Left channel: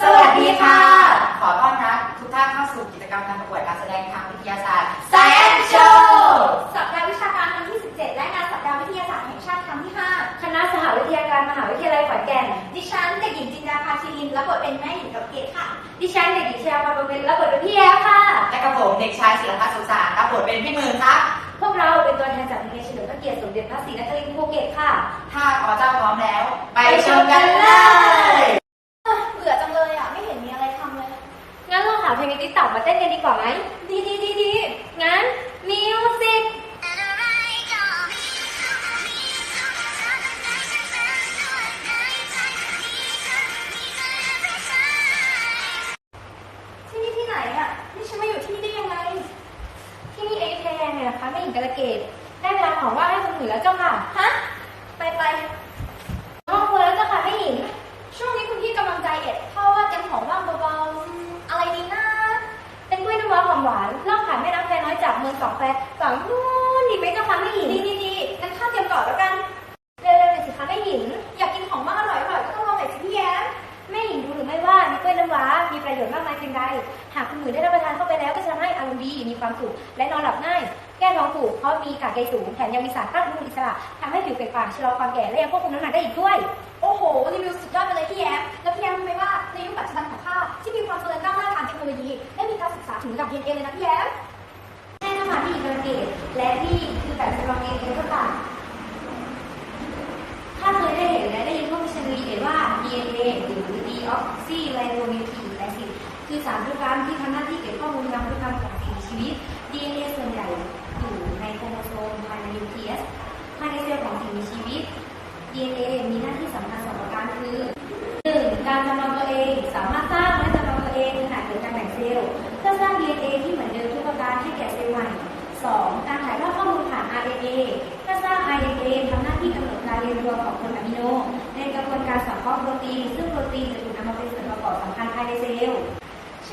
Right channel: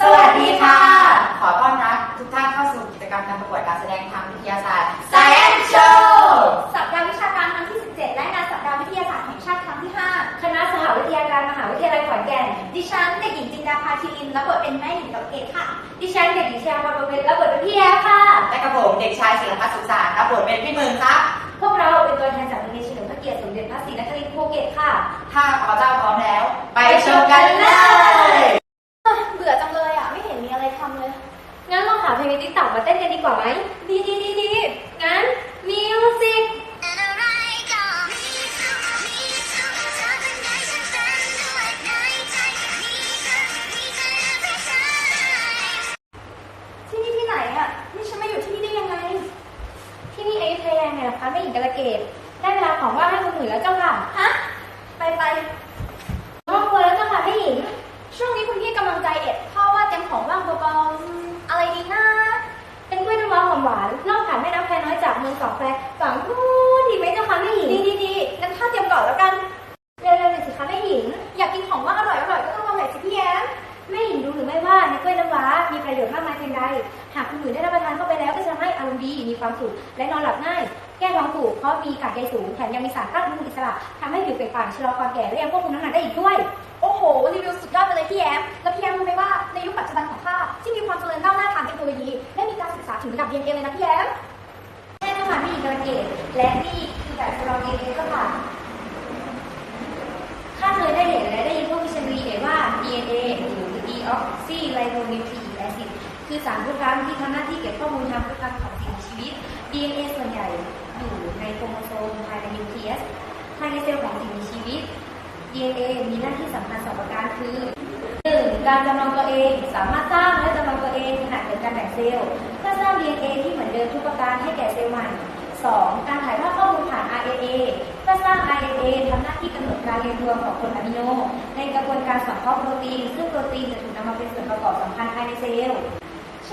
สวัสดีค่ะ ขอต้อนรับทุกท่านเข้าสู่กิจกรรมการประกวดการแสดงทางวิทยาศาสตร์ Science Show สัปดาห์วิชาการครั้งที่ 17 และงานสัปดาห์วิทยาศาสตร์แห่งชาติครั้งที่ 5 คณะสหวิทยาการมหาวิทยาลัยขอนแก่น ดิฉันเด็กหญิงจินดาภาชีรินรับบทเป็นแม่หญิงกับเกศค่ะ ดิฉันเด็กหญิงชยาพรบริรับบทเป็นพี่แอฟค่ะ และกระผมเด็กชายศิลพัฒน์สุขสารรับบทเป็นพี่มือครับพวกเราเป็นตัวแทนจากโรงเรียนเฉลิมพระเกียรติสมเด็จพระศรีนครินทร์ภูเก็ตค่ะ ถ้าขอเจ้าพร้อมแล้ว ไปชมกันเลย เบื่อจังเลยอะ ไม่เห็นมีอะไรทำเลย งั้นลองหาเพลงในติ๊กต็อกมาเต้นกันดีกว่าไหมดีดีดีดีงั้นมิวสิกที่นี่ที่ไหนอะ นี่ฉันมาอยู่ที่นี่ได้ยังไง ที่นี่เอยุธยาไงล่ะคะแม่หญิงกระเกตได้เวลาของว่างให้คนอื่นแล้วเจ้าค่ะ ฮะ ไปไปห้องครัวแล้วเจ้าค่ะแม่หญิง ช่วงนี้คุณพี่กำ หอมหวานล่องผ่านแม่น้ำแควน้อยจากเมืองสองแควฝั่งนู้นดีไหมเจ้าค่ะแม่หญิงดีดีดีงั้นข้าเตรียมก่อนแล้วกัน เร็วๆหน่อยสิคะแม่หญิง อยากกินของว่างอร่อยอร่อยก็ต้องลองหน่อยสิพี่แย้มแม่หญิงรู้หรือไม่ว่าในกล้วยน้ำว้ามีประโยชน์มากมายเพียงใด หากคุณหนูได้รับประทานเข้าไปแล้วก็จะทำให้อารมณ์ดีมีความสุขและนอนหลับง่าย แก้ท้องผูกเพราะมีกากใยสูงแถมยังมีสารต้านอนุมูลอิสระทำให้ผิวเปล่งปลั่งชะลอความแก่และยังควบคุมน้ำหนักได้อีกด้วย โอ้โหรีวิวสุดยอดไปเลยพี่แย้มแล้วพี่แย้มรู้ไหมว่าในยุคปัจจุบันของข้าที่มีความเจริญก้าวหน้าทางเทคโนโลยีได้มีการศึกษาถึงระดับ DNA เลยนะพี่แย้มใช่เจ้าค่ะแม่หญิงกระเกตและนี่คือแบบจำลอง DNA เจ้าค่ะข้าเคยได้เห็นและได้ยินพวกวิชานีเอ่ยว่า DNA หรือ deoxyribonucleic acid คือสารพันธุกรรมที่ทำหน้าที่เก็บข้อมูลทางพันธุกรรมของสิ่ง ชีวิต DNA ส่วนใหญ่อยู่ในโครโมโซมภายในนิวเคลียส ภายในเซลล์ของสิ่งมีชีวิต DNA มีหน้าที่สำคัญสองประการคือหนึ่งการจำลองตัวเองสามารถสร้างและจำลองตัวเองขณะเกิดการแบ่งเซลล์ เพื่อสร้าง DNA ที่เหมือนเดิมทุกประการให้แก่เซลล์ใหม่ 2. การถ่ายทอดข้อมูลผ่าน RNA เพื่อสร้าง RNA ทำหน้าที่กำหนดการเรียงตัวของโปรอะมิโน ในกระบวนการสังเคราะห์โปรตีน ซึ่งโปรตีนจะถูกนำมาเป็นส่วนประกอบสำคัญภายในเซลล์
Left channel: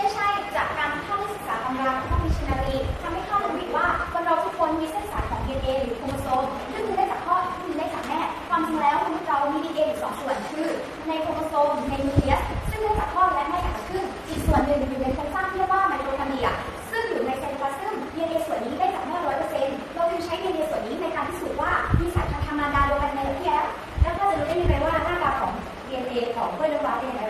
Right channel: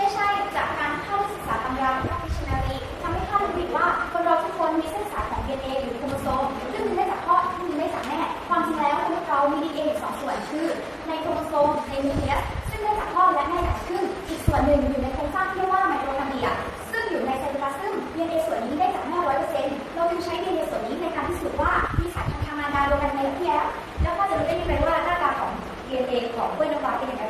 ช่ใช่จากการที่ข้าได้ศึกษาตำราของนักวิชนาการทำให้ข้ารู้อีกว่าคนเราทุกคนมีเส้นสายของ DNA หรือโครโมโซมซึ่งมีได้จากพ่ออีกซึ่งมีได้จากแม่ ความจริงแล้วมนุษย์เรามี DNA อยู่สองส่วนคือในโครโมโซมในนิวเคลียสซึ่งได้จากพ่อและแม่อย่างครึ่งอีกส่วนหนึ่งอยู่ในโครงสร้างที่เรียกว่าไมโทคอนเดรียซึ่งอยู่ในเซลลูลาซึม DNA ส่วนนี้ได้จากแม่ร้อยเปอร์เซ็นต์เราจึงใช้ DNA ส่วนนี้ในการพิสูจน์ว่ามีสายพันธุ์ทางมดาเดียวกันในแบบพี่แย้มแล้วก็จะรู้ได้ยังไงว่าหน้าตาของ DNA ของกล้วยน้ำว้าเป็นยังไง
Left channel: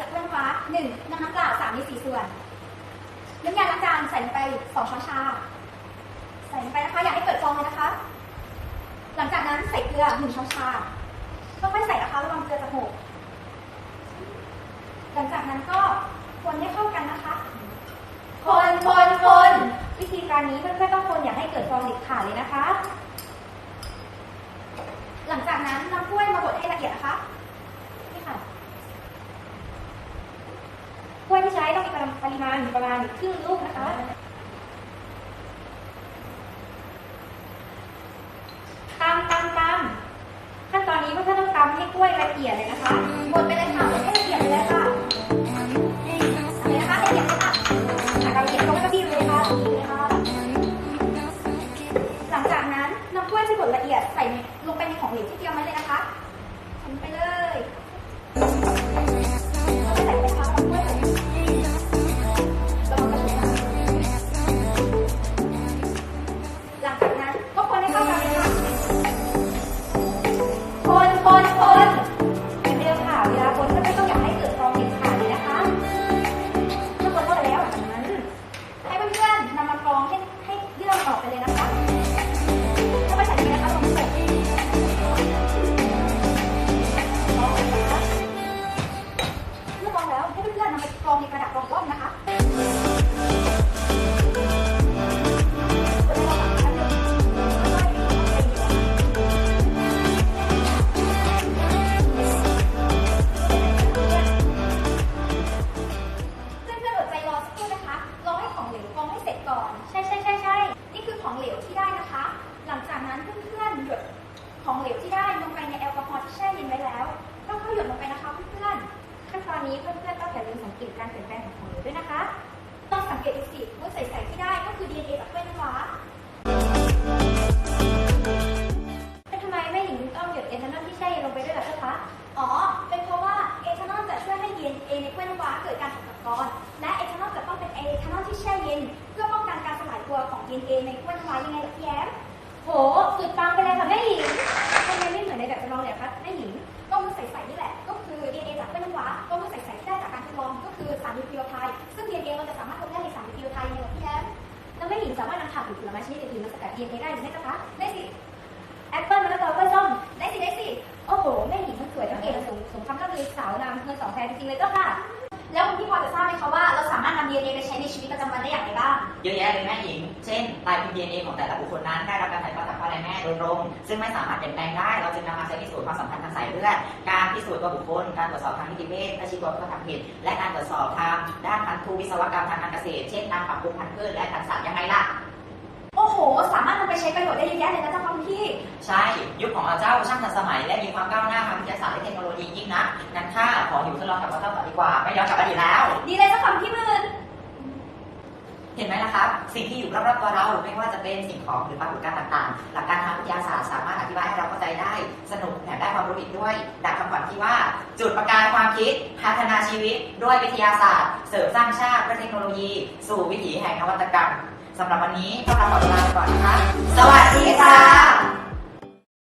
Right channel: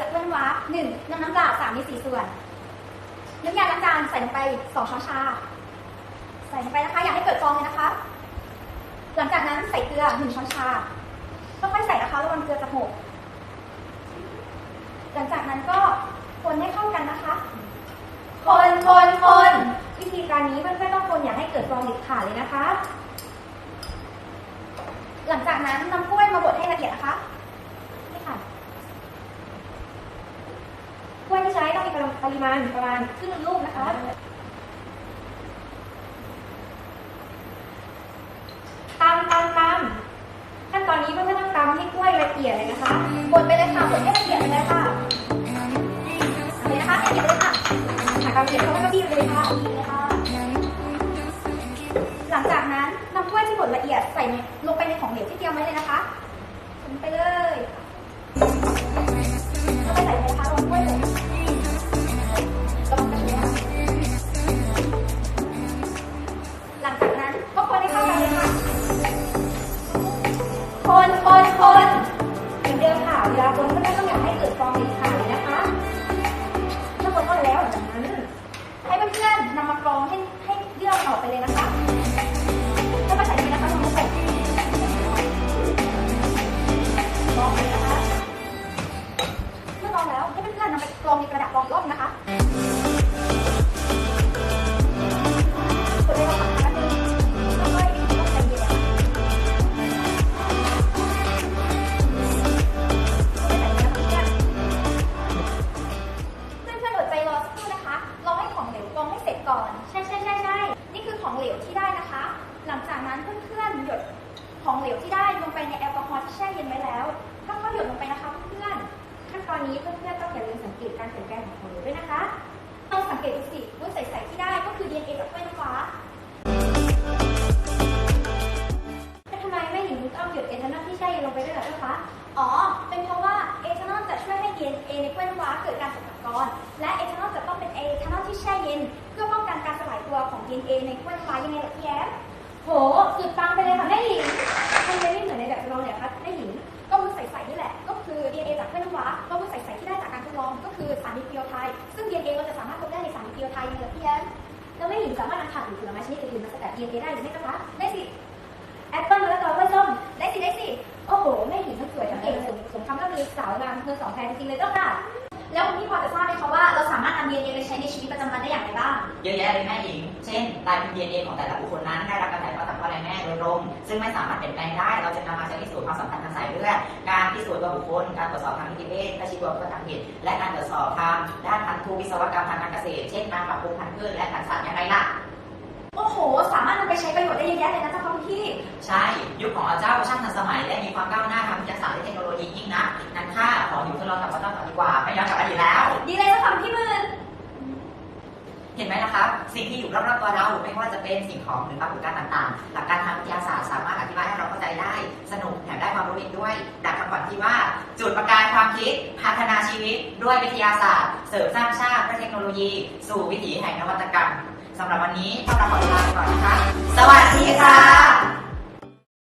จากกล้วยน้ำว้าหนึ่งน้ำน้ำเปล่าสามในสี่ส่วน น้ำยาล้างจานใส่ไปสองช้อนชา ใส่ไปนะคะ อย่าให้เกิดฟองเลยนะคะ หลังจากนั้นใส่เกลือหนึ่งช้อนชาค่อยๆใส่นะคะระวังเกลือจะหก หลังจากนั้นก็คนให้เข้ากันนะคะ คนคนคนวิธีการนี้เพื่อนๆต้องคนอย่าให้เกิดฟองเด็ดขาดเลยนะคะ หลังจากนั้นนำกล้วยมาบดให้ละเอียดนะคะ นี่ค่ะกล้วยที่ใช้ ต้องมีปริมาณประมาณครึ่งลูกนะคะ ตำตำตำขั้นตอนนี้เพื่อนๆต้องตำให้กล้วยละเอียดเลยนะคะบดไปเลยค่ะบดให้ละเอียดไปเลยค่ะเอาเลยนะคะละเอียดเลยค่ะหากเราเขียนเขาก็บีเลยค่ะดีเลยค่ะ หลังจากนั้นนำกล้วยที่บดละเอียดใส่ในลงไปในของเหลวที่เตรียมไว้เลยนะคะใส่ไปเลย ลาคนก็ไม่ต้องอยากให้เกิดฟองเด็ดขาดเลยนะคะเมื่อคนเข้าไปแล้วหลังจากนั้น ให้เพื่อนๆนำมากรองให้ให้เยื่อมันออกไปเลยนะคะ อนใช่ใช่ใช่ใช่นี่คือของเหลวที่ได้นะคะ หลังจากนั้นเพื่อนๆหยดของเหลวที่ได้ลงไปในแอลกอฮอล์ที่แช่เย็นไว้แล้วก็ค่อยๆหยดลงไปนะคะเพื่อนขั้นตอนนี้เพื่อนๆต้องอย่าลืมสังเกตการเปลี่ยนแปลงของของเหลวด้วยนะคะต้องสังเกตดูสิว่าใสๆที่ได้ก็คือ DNA จากกล้วยน้ำว้าแต่ทำไมแม่หญิงถึงต้องหยดทานอลที่แช่เย็นลงไปด้วยเหรอคะอ๋อเป็นเพราะว่า DNA ในกล้วยน้ำว้าเกิดการตกตะกอนและเอทานอลจะต้องเป็นเอทานอลที่แช่เย็น เพื่อป้องกันการสลายตัวของ DNA ในกล้วยน้ำว้ายังไงล่ะพี่แอมโหสุดปังไปเลยค่ะแม่หญิงทำไมไม่เหมือนในแบบจำลองเนี่ยคะ สอสองแฟนจริงๆเลยเจ้าค่ะ แล้วคุณพี่พอจะทราบไหมคะว่าเราสามารถนำ DNA ไปใช้ในชีวิตประจำวันได้อย่างไรบ้าง เยอะแยะเลยแม่หญิง เช่นลายพิมพ์ DNA ของแต่ละบุคคลนั้นได้รับการถ่ายทอดจากพ่อและแม่โดยตรง ซึ่งไม่สามารถเปลี่ยนแปลงได้ เราจึงนำมาใช้พิสูจน์ความสัมพันธ์ทางสายเลือด การพิสูจน์ตัวบุคคล การตรวจสอบทางนิติเวชการชี้ตัวผู้กระทำผิด และการตรวจสอบทางด้านพันธุวิศวกรรมทางการเกษตร เช่น การปรับปรุงพันธุ์พืชและพันธุ์สัตว์ยังไงล่ะ สามารถนำไปใช้ประโยชน์ได้เยอะแยะเลยนะเจ้าค่ะคุณพี่ ใช่ ยุคของเราเจ้าช่างทันสมัยและมีความก้าวหน้าทางวิทยาศาสตร์และเทคโนโลยียิ่งนักงั้นข้าขออยู่ทดลองกับว่าเจ้าต่อดีกว่า ไม่ย้อนกลับอดีตแล้ว ดีเลยเจ้าค่ะคุณพี่มืนเห็นไหมล่ะครับ สิ่งที่อยู่รอบๆตัวเราไม่ว่าจะเป็นสิ่งของหรือปรากฏการณ์ต่างๆ หลักการทางวิทยาศาสตร์สามารถอธิบายให้เราเข้าใจได้ สนุกแถมได้ความรู้อีกด้วย ดังคำขวัญที่ว่า จุดประกายความคิด พัฒนาชีวิต ด้วยวิทยาศาสตร์ เสริมสร้างชาติด้วยเทคโนโลยี สู่วิถีแห่งนวัตกรรม สำหรับวันนี้พวกเราขอลาไปก่อนนะคะ สวัสดีค่ะ